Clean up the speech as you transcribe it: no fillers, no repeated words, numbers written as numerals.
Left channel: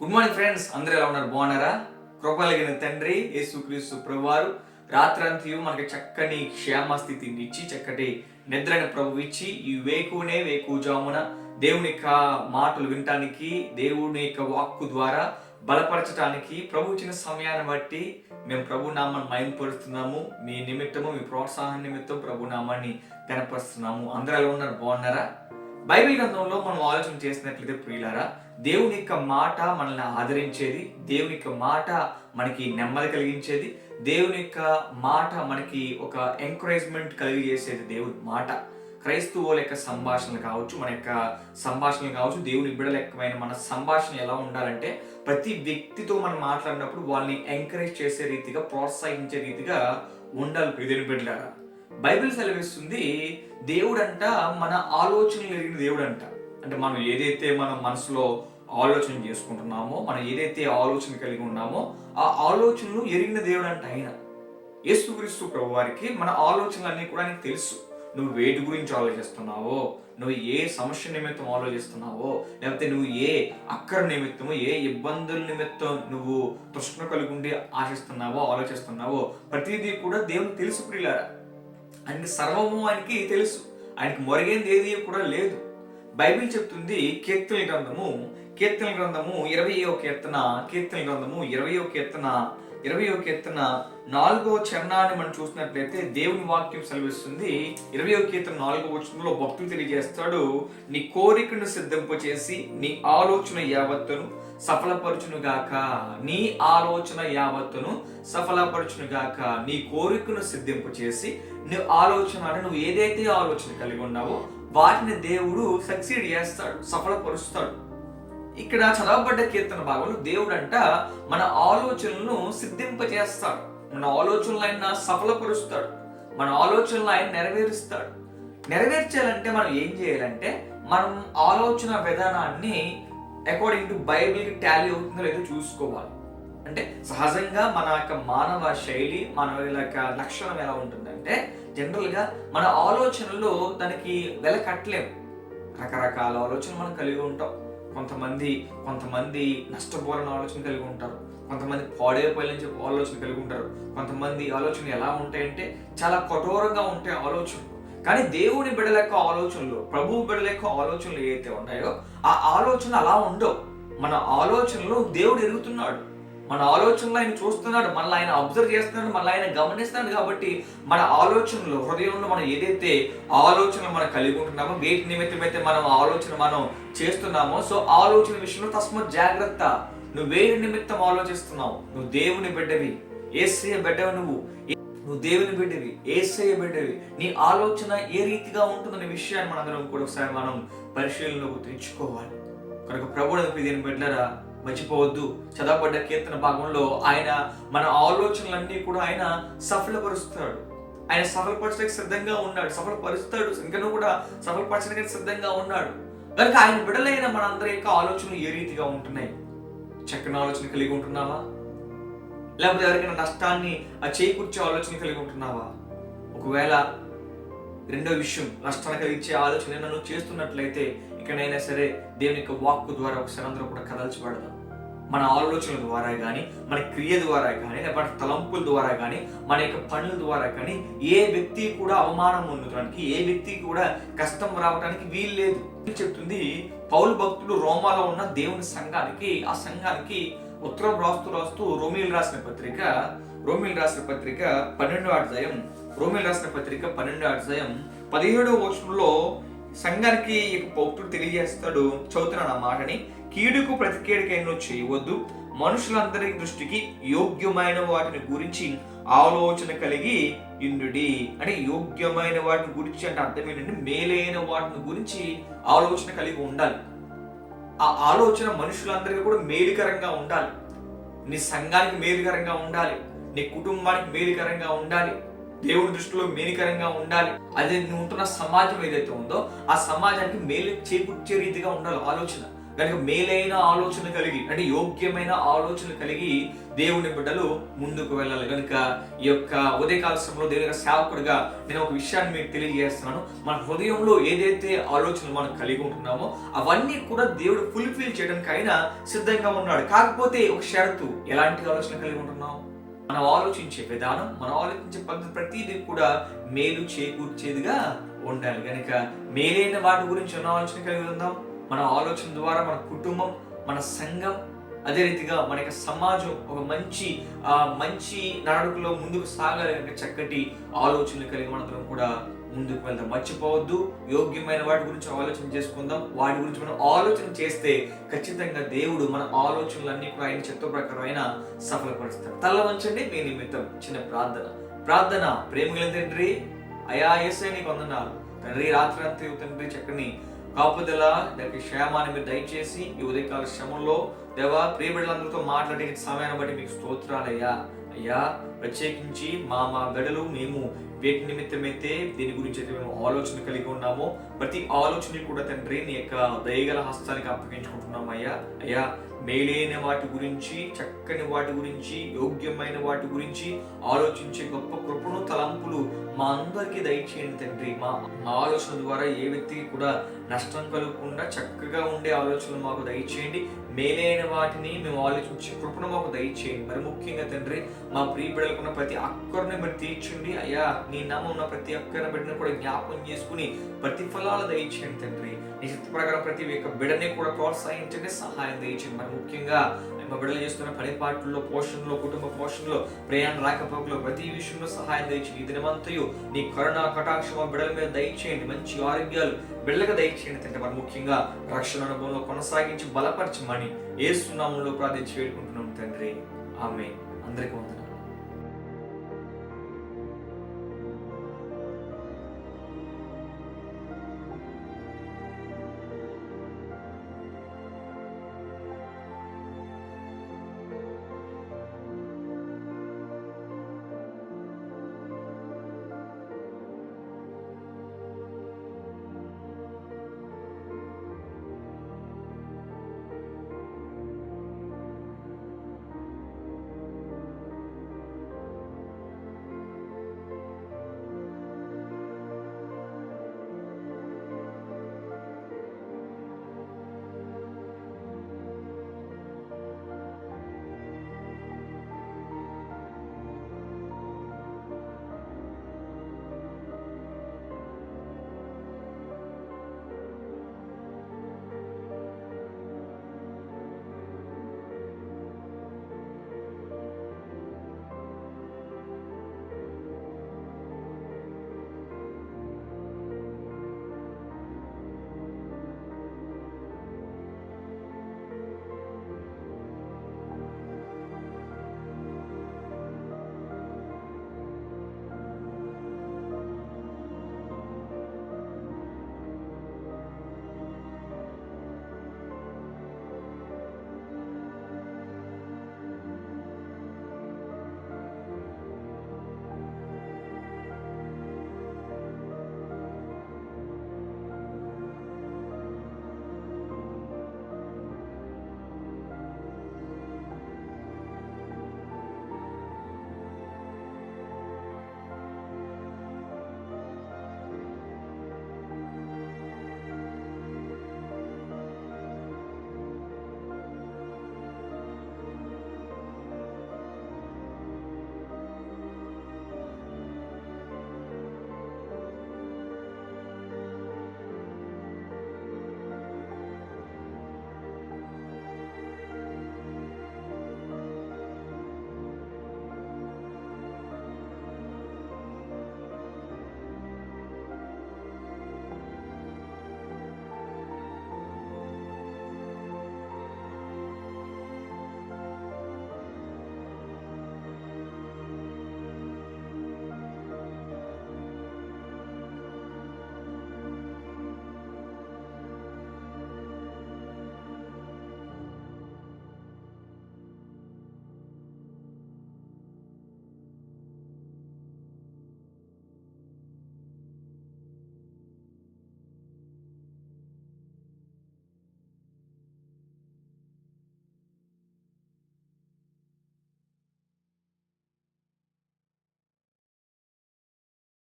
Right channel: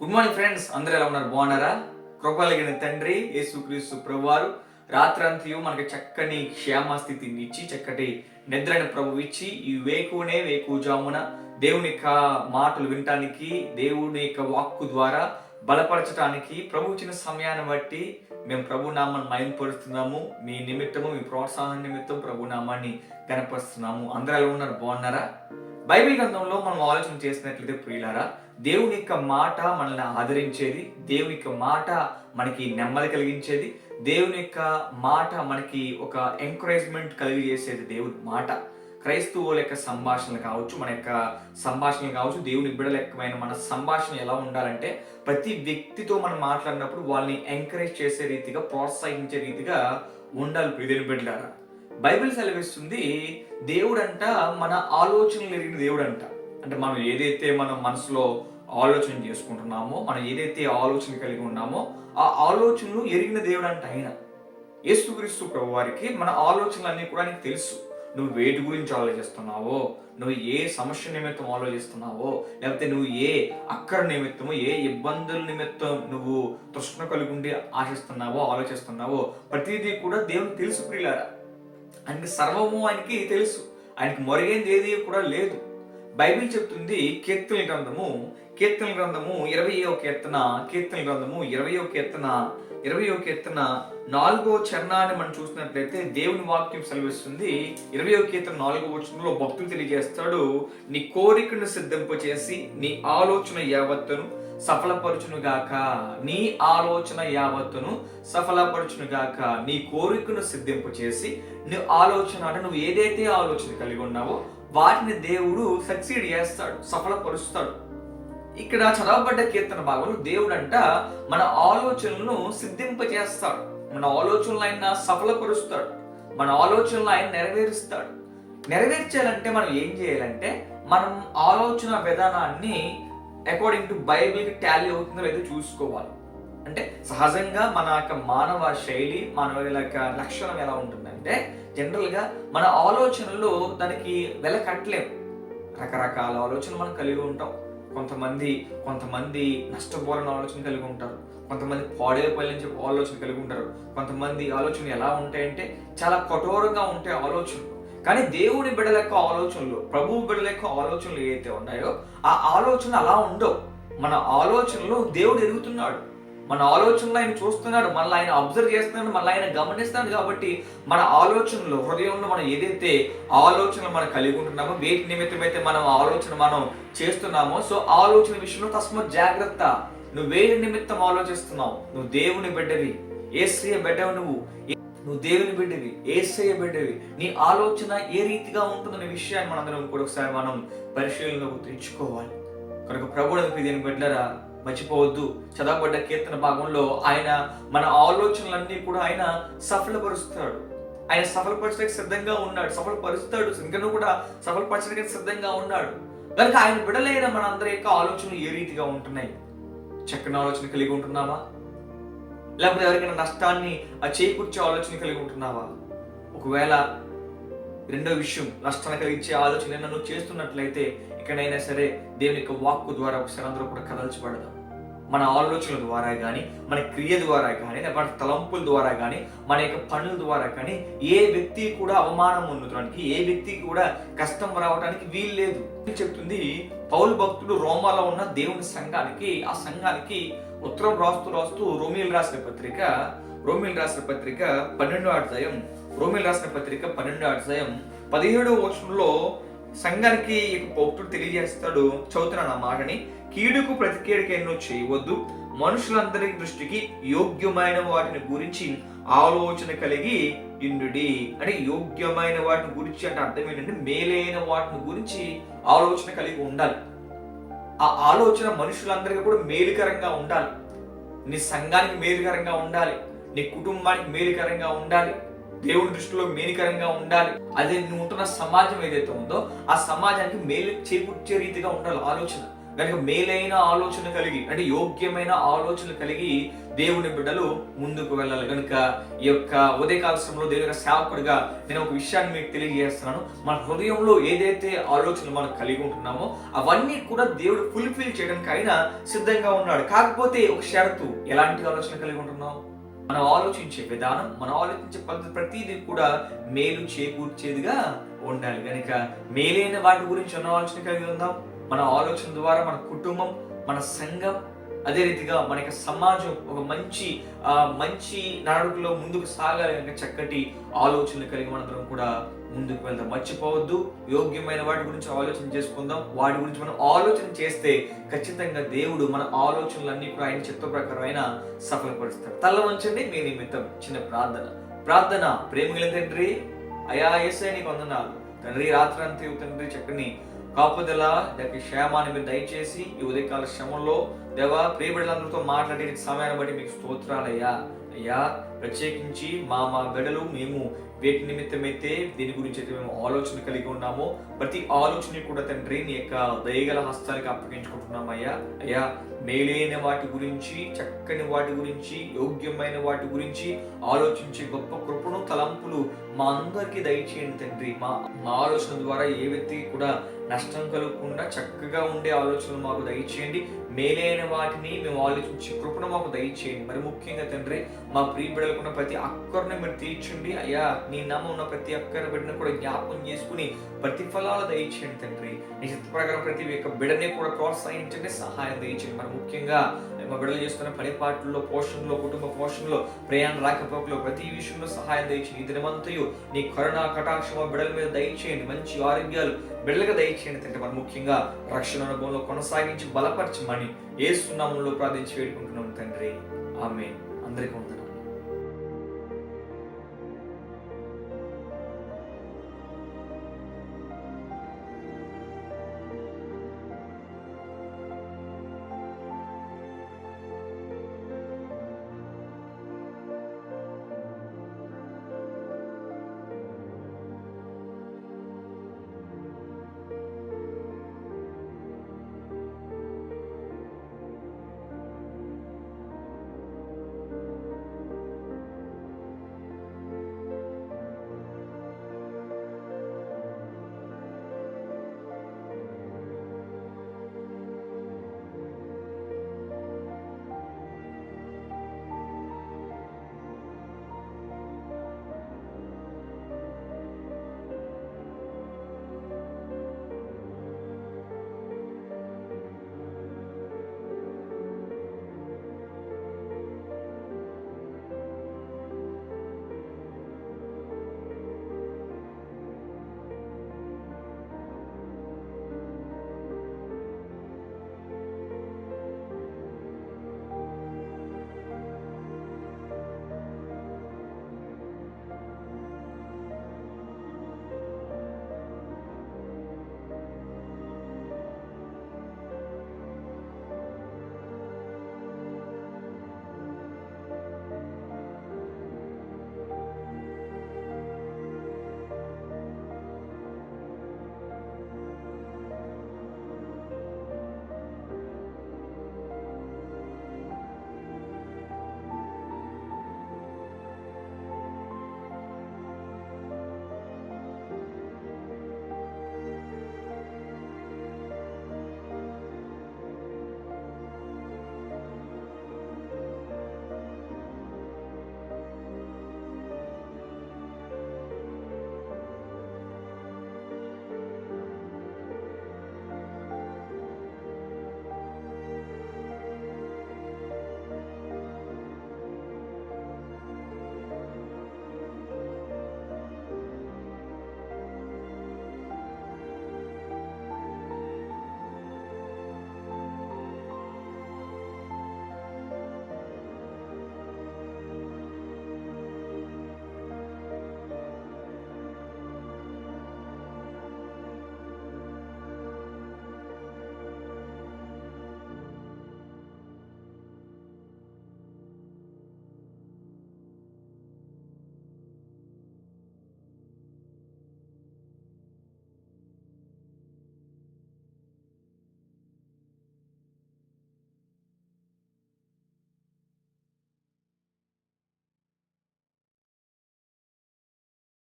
Good morning friends, అందరూ ఎలా ఉన్నారు? బాగున్నారా? కృపలిగిన తండ్రి యేసుక్రీస్తు ప్రభువారు రాత్రంతయు మనకి చక్కని క్షేమ స్థితిని ఇచ్చి చక్కటి నిద్రని ప్రభు ఇచ్చి ఈ వేకుజామున దేవుని యొక్క మాటలు వినటానికి, దేవుని యొక్క వాక్కు ద్వారా బలపరచడానికి ప్రభు ఇచ్చిన సమయాన్ని బట్టి మేము ప్రభు నామాన్ని మహిమపరుస్తున్నాము. మీ నిమిత్తము, మీ ప్రోత్సాహం నిమిత్తం ప్రభు నామాన్ని కనపరుస్తున్నాము. అందరూ ఎలా ఉన్నారు? బాగున్నారా? బైబిల్ గ్రంథంలో మనం ఆలోచన చేసినట్లయితే ప్రియులారా, దేవుని యొక్క మాట మనల్ని ఆదరించేది, దేవుని యొక్క మాట మనకి నెమ్మది కలిగించేది, దేవుని యొక్క మాట మనకి ఒక ఎంకరేజ్మెంట్ కలిగజేసేది దేవుని మాట. క్రైస్తవుల యొక్క సంభాషణలు కావచ్చు, మన యొక్క సంభాషణలు కావచ్చు, దేవుని బిడ్డలెక్కమైన మన సంభాషణ ఎలా ఉండాలంటే ప్రతి వ్యక్తితో మనం మాట్లాడినప్పుడు వాళ్ళని ఎంకరేజ్ చేసే రీతిగా, ప్రోత్సహించే రీతిగా ఉండాలి. ప్రియమైన బిడ్డలారా, బైబిల్ సెలవిస్తుంది దేవుడంట మన ఆలోచనలు ఎరిగిన దేవుడంట. అంటే మనం ఏదైతే మన మనసులో ఆలోచన చేసుకుంటున్నామో, మనం ఏదైతే ఆలోచన కలిగి ఉన్నామో ఆ ఆలోచనలు ఎరిగిన దేవుడంట ఆయన. యేసుక్రీస్తు ప్రభువారికి మన ఆలోచనలన్నీ కూడా ఆయనకు తెలుసు. నువ్వు వేటి గురించి ఆలోచిస్తున్నావో, నువ్వు ఏ సమస్య నిమిత్తం ఆలోచిస్తున్నావో, లేకపోతే నువ్వు ఏ అక్కర నిమిత్తమో, ఏ ఇబ్బందుల నిమిత్తం నువ్వు తృష్ణ కలిగి ఉండి ఆశిస్తున్నావో, ఆలోచిస్తున్నావో ప్రతిదీ కూడా దేవునికి తెలుసు ప్రియులారా. ఆయనకి సర్వము ఆయనకి తెలుసు. ఆయనకి మొరగేంది ఏది కూడా లేదు. బైబిల్ చెప్తుంది కీర్తన గ్రంథము 20వ కీర్తన 4వ చరణాన్ని మనం చూసినట్లయితే దేవుని వాక్యం సెలవిస్తుంది. 20వ కీర్తన 4వ వచనంలో భక్తులు తెలియజేస్తాడు, నీ కోరికను సిద్ధింపచేసి నీ ఆలోచన యావత్తును సఫలపరచునుగాక. నీ ఆలోచన యావత్తును సఫలపరచునుగాక. నీ కోరికను సిద్ధింపు చేసి నీ ఆలోచన అంటే నువ్వు ఏదైతే ఆలోచన కలిగి ఉన్నావో వాటిని దేవుడు సక్సీడ్ చేస్తాడు, సఫలపరుస్తాడు. ఇక్కడ చదవబడ్డ కీర్తన భాగంలో దేవుడు అంట మన ఆలోచనలను సిద్ధింపజేస్తాడు, మన ఆలోచనలు ఆయన సఫలపరుస్తాడు, మన ఆలోచనలు ఆయన నెరవేరుస్తాడు. నెరవేర్చాలంటే మనం ఏం చేయాలంటే మనం ఆలోచన విధానాన్ని అకార్డింగ్ టు బైబిల్కి టాలీ అవుతుందో లేదో చూసుకోవాలి. అంటే సహజంగా మన యొక్క మానవ శైలి, మన యొక్క లక్షణం ఎలా ఉంటుందంటే జనరల్గా మన ఆలోచనలు దానికి వెల కట్టలేము. రకరకాల ఆలోచనలు మనం కలిగి ఉంటాం. కొంతమంది నష్టపోవాలని ఆలోచన కలిగి ఉంటారు, కొంతమంది పాడైపోయాలని చెప్పి ఆలోచన కలిగి ఉంటారు, కొంతమంది ఆలోచనలు ఎలా ఉంటాయంటే చాలా కఠోరంగా ఉంటాయి ఆలోచనలు. కానీ దేవుని బిడ్డల యొక్క ఆలోచనలు, ప్రభువు బిడ్డల యొక్క ఆలోచనలు ఏవైతే ఉన్నాయో ఆ ఆలోచన అలా ఉండవు. మన ఆలోచనలు దేవుడు ఎరుగుతున్నాడు, మన ఆలోచనలు ఆయన చూస్తున్నాడు, మనల్ని ఆయన అబ్జర్వ్ చేస్తున్నాడు, మనల్ని ఆయన గమనిస్తున్నాడు. కాబట్టి మన ఆలోచనలు, హృదయంలో మనం ఏదైతే ఆలోచనలు మనం కలిగి ఉంటున్నామో, వేటి నిమిత్తమైతే మనం చేస్తున్నామో, సో ఆలోచన విషయంలో తస్మాత్ జాగ్రత్త. నువ్వు వేటి నిమిత్తం ఆలోచిస్తున్నావు? నువ్వు దేవుని బిడ్డవి, యేసయ్య బిడ్డవి, నువ్వు దేవుని బిడ్డవి, యేసయ్య బిడ్డవి. నీ ఆలోచన ఏ రీతిగా ఉంటుందనే విషయాన్ని మనందరం కూడా ఒకసారి మనం పరిశీలనలోకి తెచ్చుకోవాలి. కనుక ప్రభువుని దేవుని బిడ్డలారా మర్చిపోవద్దు. చదవబడ్డ కీర్తన భాగంలో ఆయన మన ఆలోచనలన్నీ కూడా ఆయన సఫలపరుస్తాడు. ఆయన సఫలపరచడానికి సిద్ధంగా ఉన్నాడు, సఫలపరుస్తాడు, ఇంకనూ కూడా సఫలపరచడానికి సిద్ధంగా ఉన్నాడు. కనుక ఆయన బిడ్డలైన మన అందరి యొక్క ఆలోచనలు ఏ రీతిగా ఉంటున్నాయి? చక్కని ఆలోచన కలిగి ఉంటున్నావా? లేకపోతే ఎవరికైనా నష్టాన్ని చేకూర్చే ఆలోచన కలిగి ఉంటున్నావా? ఒకవేళ రెండో విషయం, నష్టాన్ని కలిగించే ఆలోచన నువ్వు చేస్తున్నట్లయితే ఇకనైనా సరే దేవుని యొక్క వాక్కు ద్వారా ఒకసారి అందరూ కూడా కదల్చబడదాం. మన ఆలోచనల ద్వారా కానీ, మన క్రియ ద్వారా కానీ, మన తలంపుల ద్వారా కానీ, మన యొక్క పనుల ద్వారా కానీ ఏ వ్యక్తి కూడా అవమానం ఉండడానికి, ఏ వ్యక్తికి కూడా కష్టం రావడానికి వీలు లేదు చెప్తుంది. పౌలు భక్తుడు రోమాలో ఉన్న దేవుని సంఘానికి, ఆ సంఘానికి ఉత్తరం రాస్తూ రోమీలు రాసిన పత్రిక 12వ అధ్యాయం 17వ వచనంలో సంఘానికి భక్తుడు తెలియజేస్తాడు. చదువుతున్నాను ఆ మాటని. కీడుకు ప్రతికీడుకెన్నో చేయవద్దు, మనుషులందరి దృష్టికి యోగ్యమైన వాటిని గురించి ఆలోచన కలిగి ఇండుడి. అంటే యోగ్యమైన వాటిని గురించి అంటే అర్థం ఏంటంటే మేలైన వాటిని గురించి ఆలోచన కలిగి ఉండాలి. ఆ ఆలోచన మనుషులందరికీ కూడా మేలుకరంగా ఉండాలి. నీ సంఘానికి మేలుకరంగా ఉండాలి, నీ కుటుంబానికి మేలుకరంగా ఉండాలి, దేవుడి దృష్టిలో మేలుకరంగా ఉండాలి. అదే నువ్వు ఉంటున్న సమాజం ఏదైతే ఉందో ఆ సమాజానికి మేలు చేకూర్చే రీతిగా ఉండాలి ఆలోచన. కనుక మేలైన ఆలోచన కలిగి, అంటే యోగ్యమైన ఆలోచన కలిగి దేవుని బిడ్డలు ముందుకు వెళ్ళాలి. కనుక ఈ యొక్క ఉదయకాల సమయంలో దేవుని యొక్క సేవకుడిగా నేను ఒక విషయాన్ని మీకు తెలియజేస్తున్నాను. మన హృదయంలో ఏదైతే ఆలోచనలు మనం కలిగి ఉంటున్నామో అవన్నీ కూడా దేవుడు ఫుల్ఫిల్ చేయడానికి అయినా సిద్ధంగా ఉన్నాడు. కాకపోతే ఒక షరతు, ఎలాంటి ఆలోచన కలిగి ఉంటున్నాం? మనం ఆలోచించే విధానం, మనం ఆలోచించే పద్ధతి ప్రతిదీ కూడా మేలు చేకూర్చేదిగా ఉండాలి. కనుక మేలైన వాటి గురించి ఉన్న ఆలోచన కలిగి ఉందాం. మన ఆలోచన ద్వారా మన కుటుంబం, మన సంఘం, అదే రీతిగా మన యొక్క సమాజం ఒక మంచి నడకలో ముందుకు సాగాలి. కనుక చక్కటి ఆలోచనలు కలిగి మనందరం కూడా ముందుకు వెళ్దాం. మర్చిపోవద్దు, యోగ్యమైన వాటి గురించి ఆలోచన చేసుకుందాం. వాటి గురించి మనం ఆలోచన చేస్తే ఖచ్చితంగా దేవుడు మన ఆలోచనలన్నీ కూడా ఆయన చిత్త ప్రకారం ఆయన సఫలపరుస్తాడు. తల వంచండి, మీ నిమిత్తం చిన్న ప్రార్థన. ప్రేమగల తండ్రి, అయా యేసయ్య నీకు వందనాలు తండ్రి. రాత్రి అంతా తండ్రి చక్కని కాపుదల, దానికి క్షేమాన్ని మీరు దయచేసి ఈ ఉదయకాల శ్రమంలో దేవా ప్రియబిడ్డలందరితో మాట్లాడే సమయాన్ని బట్టి మీకు స్తోత్రాలయ్యా. అయ్యా ప్రత్యేకించి మా బిడ్డలు మేము వేటి నిమిత్తమైతే దీని గురించి అయితే మేము ఆలోచన కలిగి ఉన్నామో ప్రతి ఆలోచన కూడా తండ్రి నీ యొక్క దయగల హస్తానికి అప్పగించుకుంటున్నాం అయ్యా. మేలైన వాటి గురించి, చక్కని వాటి గురించి, యోగ్యమైన వాటి గురించి ఆలోచించే గొప్ప కృపను, తలంపులు మా అందరికీ దయచేయండి తండ్రి. మా ఆలోచన ద్వారా ఏ వ్యక్తికి కూడా నష్టం కలగకుండా చక్కగా ఉండే ఆలోచనలు మాకు దయచేయండి. మేలైన వాటిని మేము ఆలోచించే కృపను మాకు దయచేయండి. మరి ముఖ్యంగా తండ్రి మా ప్రియ బిడ్డలకున్న ప్రతి అక్కరిని మీరు తీర్చండి అయ్యా. నీ నామం ఉన్న ప్రతి అక్కరిని బిడ్డను కూడా జ్ఞాపకం చేసుకుని ప్రతిఫలాలు దయచేయండి తండ్రి. నీ చిత్త ప్రకారం ప్రతి ఒక్క బిడ్డని కూడా ప్రోత్సహించండి, సహాయం దయచేయండి. మరి ముఖ్యంగా మా బిడ్డలు చేస్తున్న పనిపాట్లలో, పోషణలో, కుటుంబ పోషణలో, ప్రయాణ రాకపోకలో ప్రతి విషయంలో సహాయం దయచేయండి. ఈ దినమంతయు నీ కరుణ కటాక్షం మా బిడ్డల మీద దయచేయండి. మంచి ఆరోగ్యాలు బిడ్డలకు దయచేయండి తండ్రి. మరి ముఖ్యంగా రక్షణ అనుభవంలో కొనసాగించి బలపరచమని యేసు నామములో ప్రార్థించి వేడుకుంటున్నాం తండ్రి. ఆమేన్. అందరికీ వందనాలు.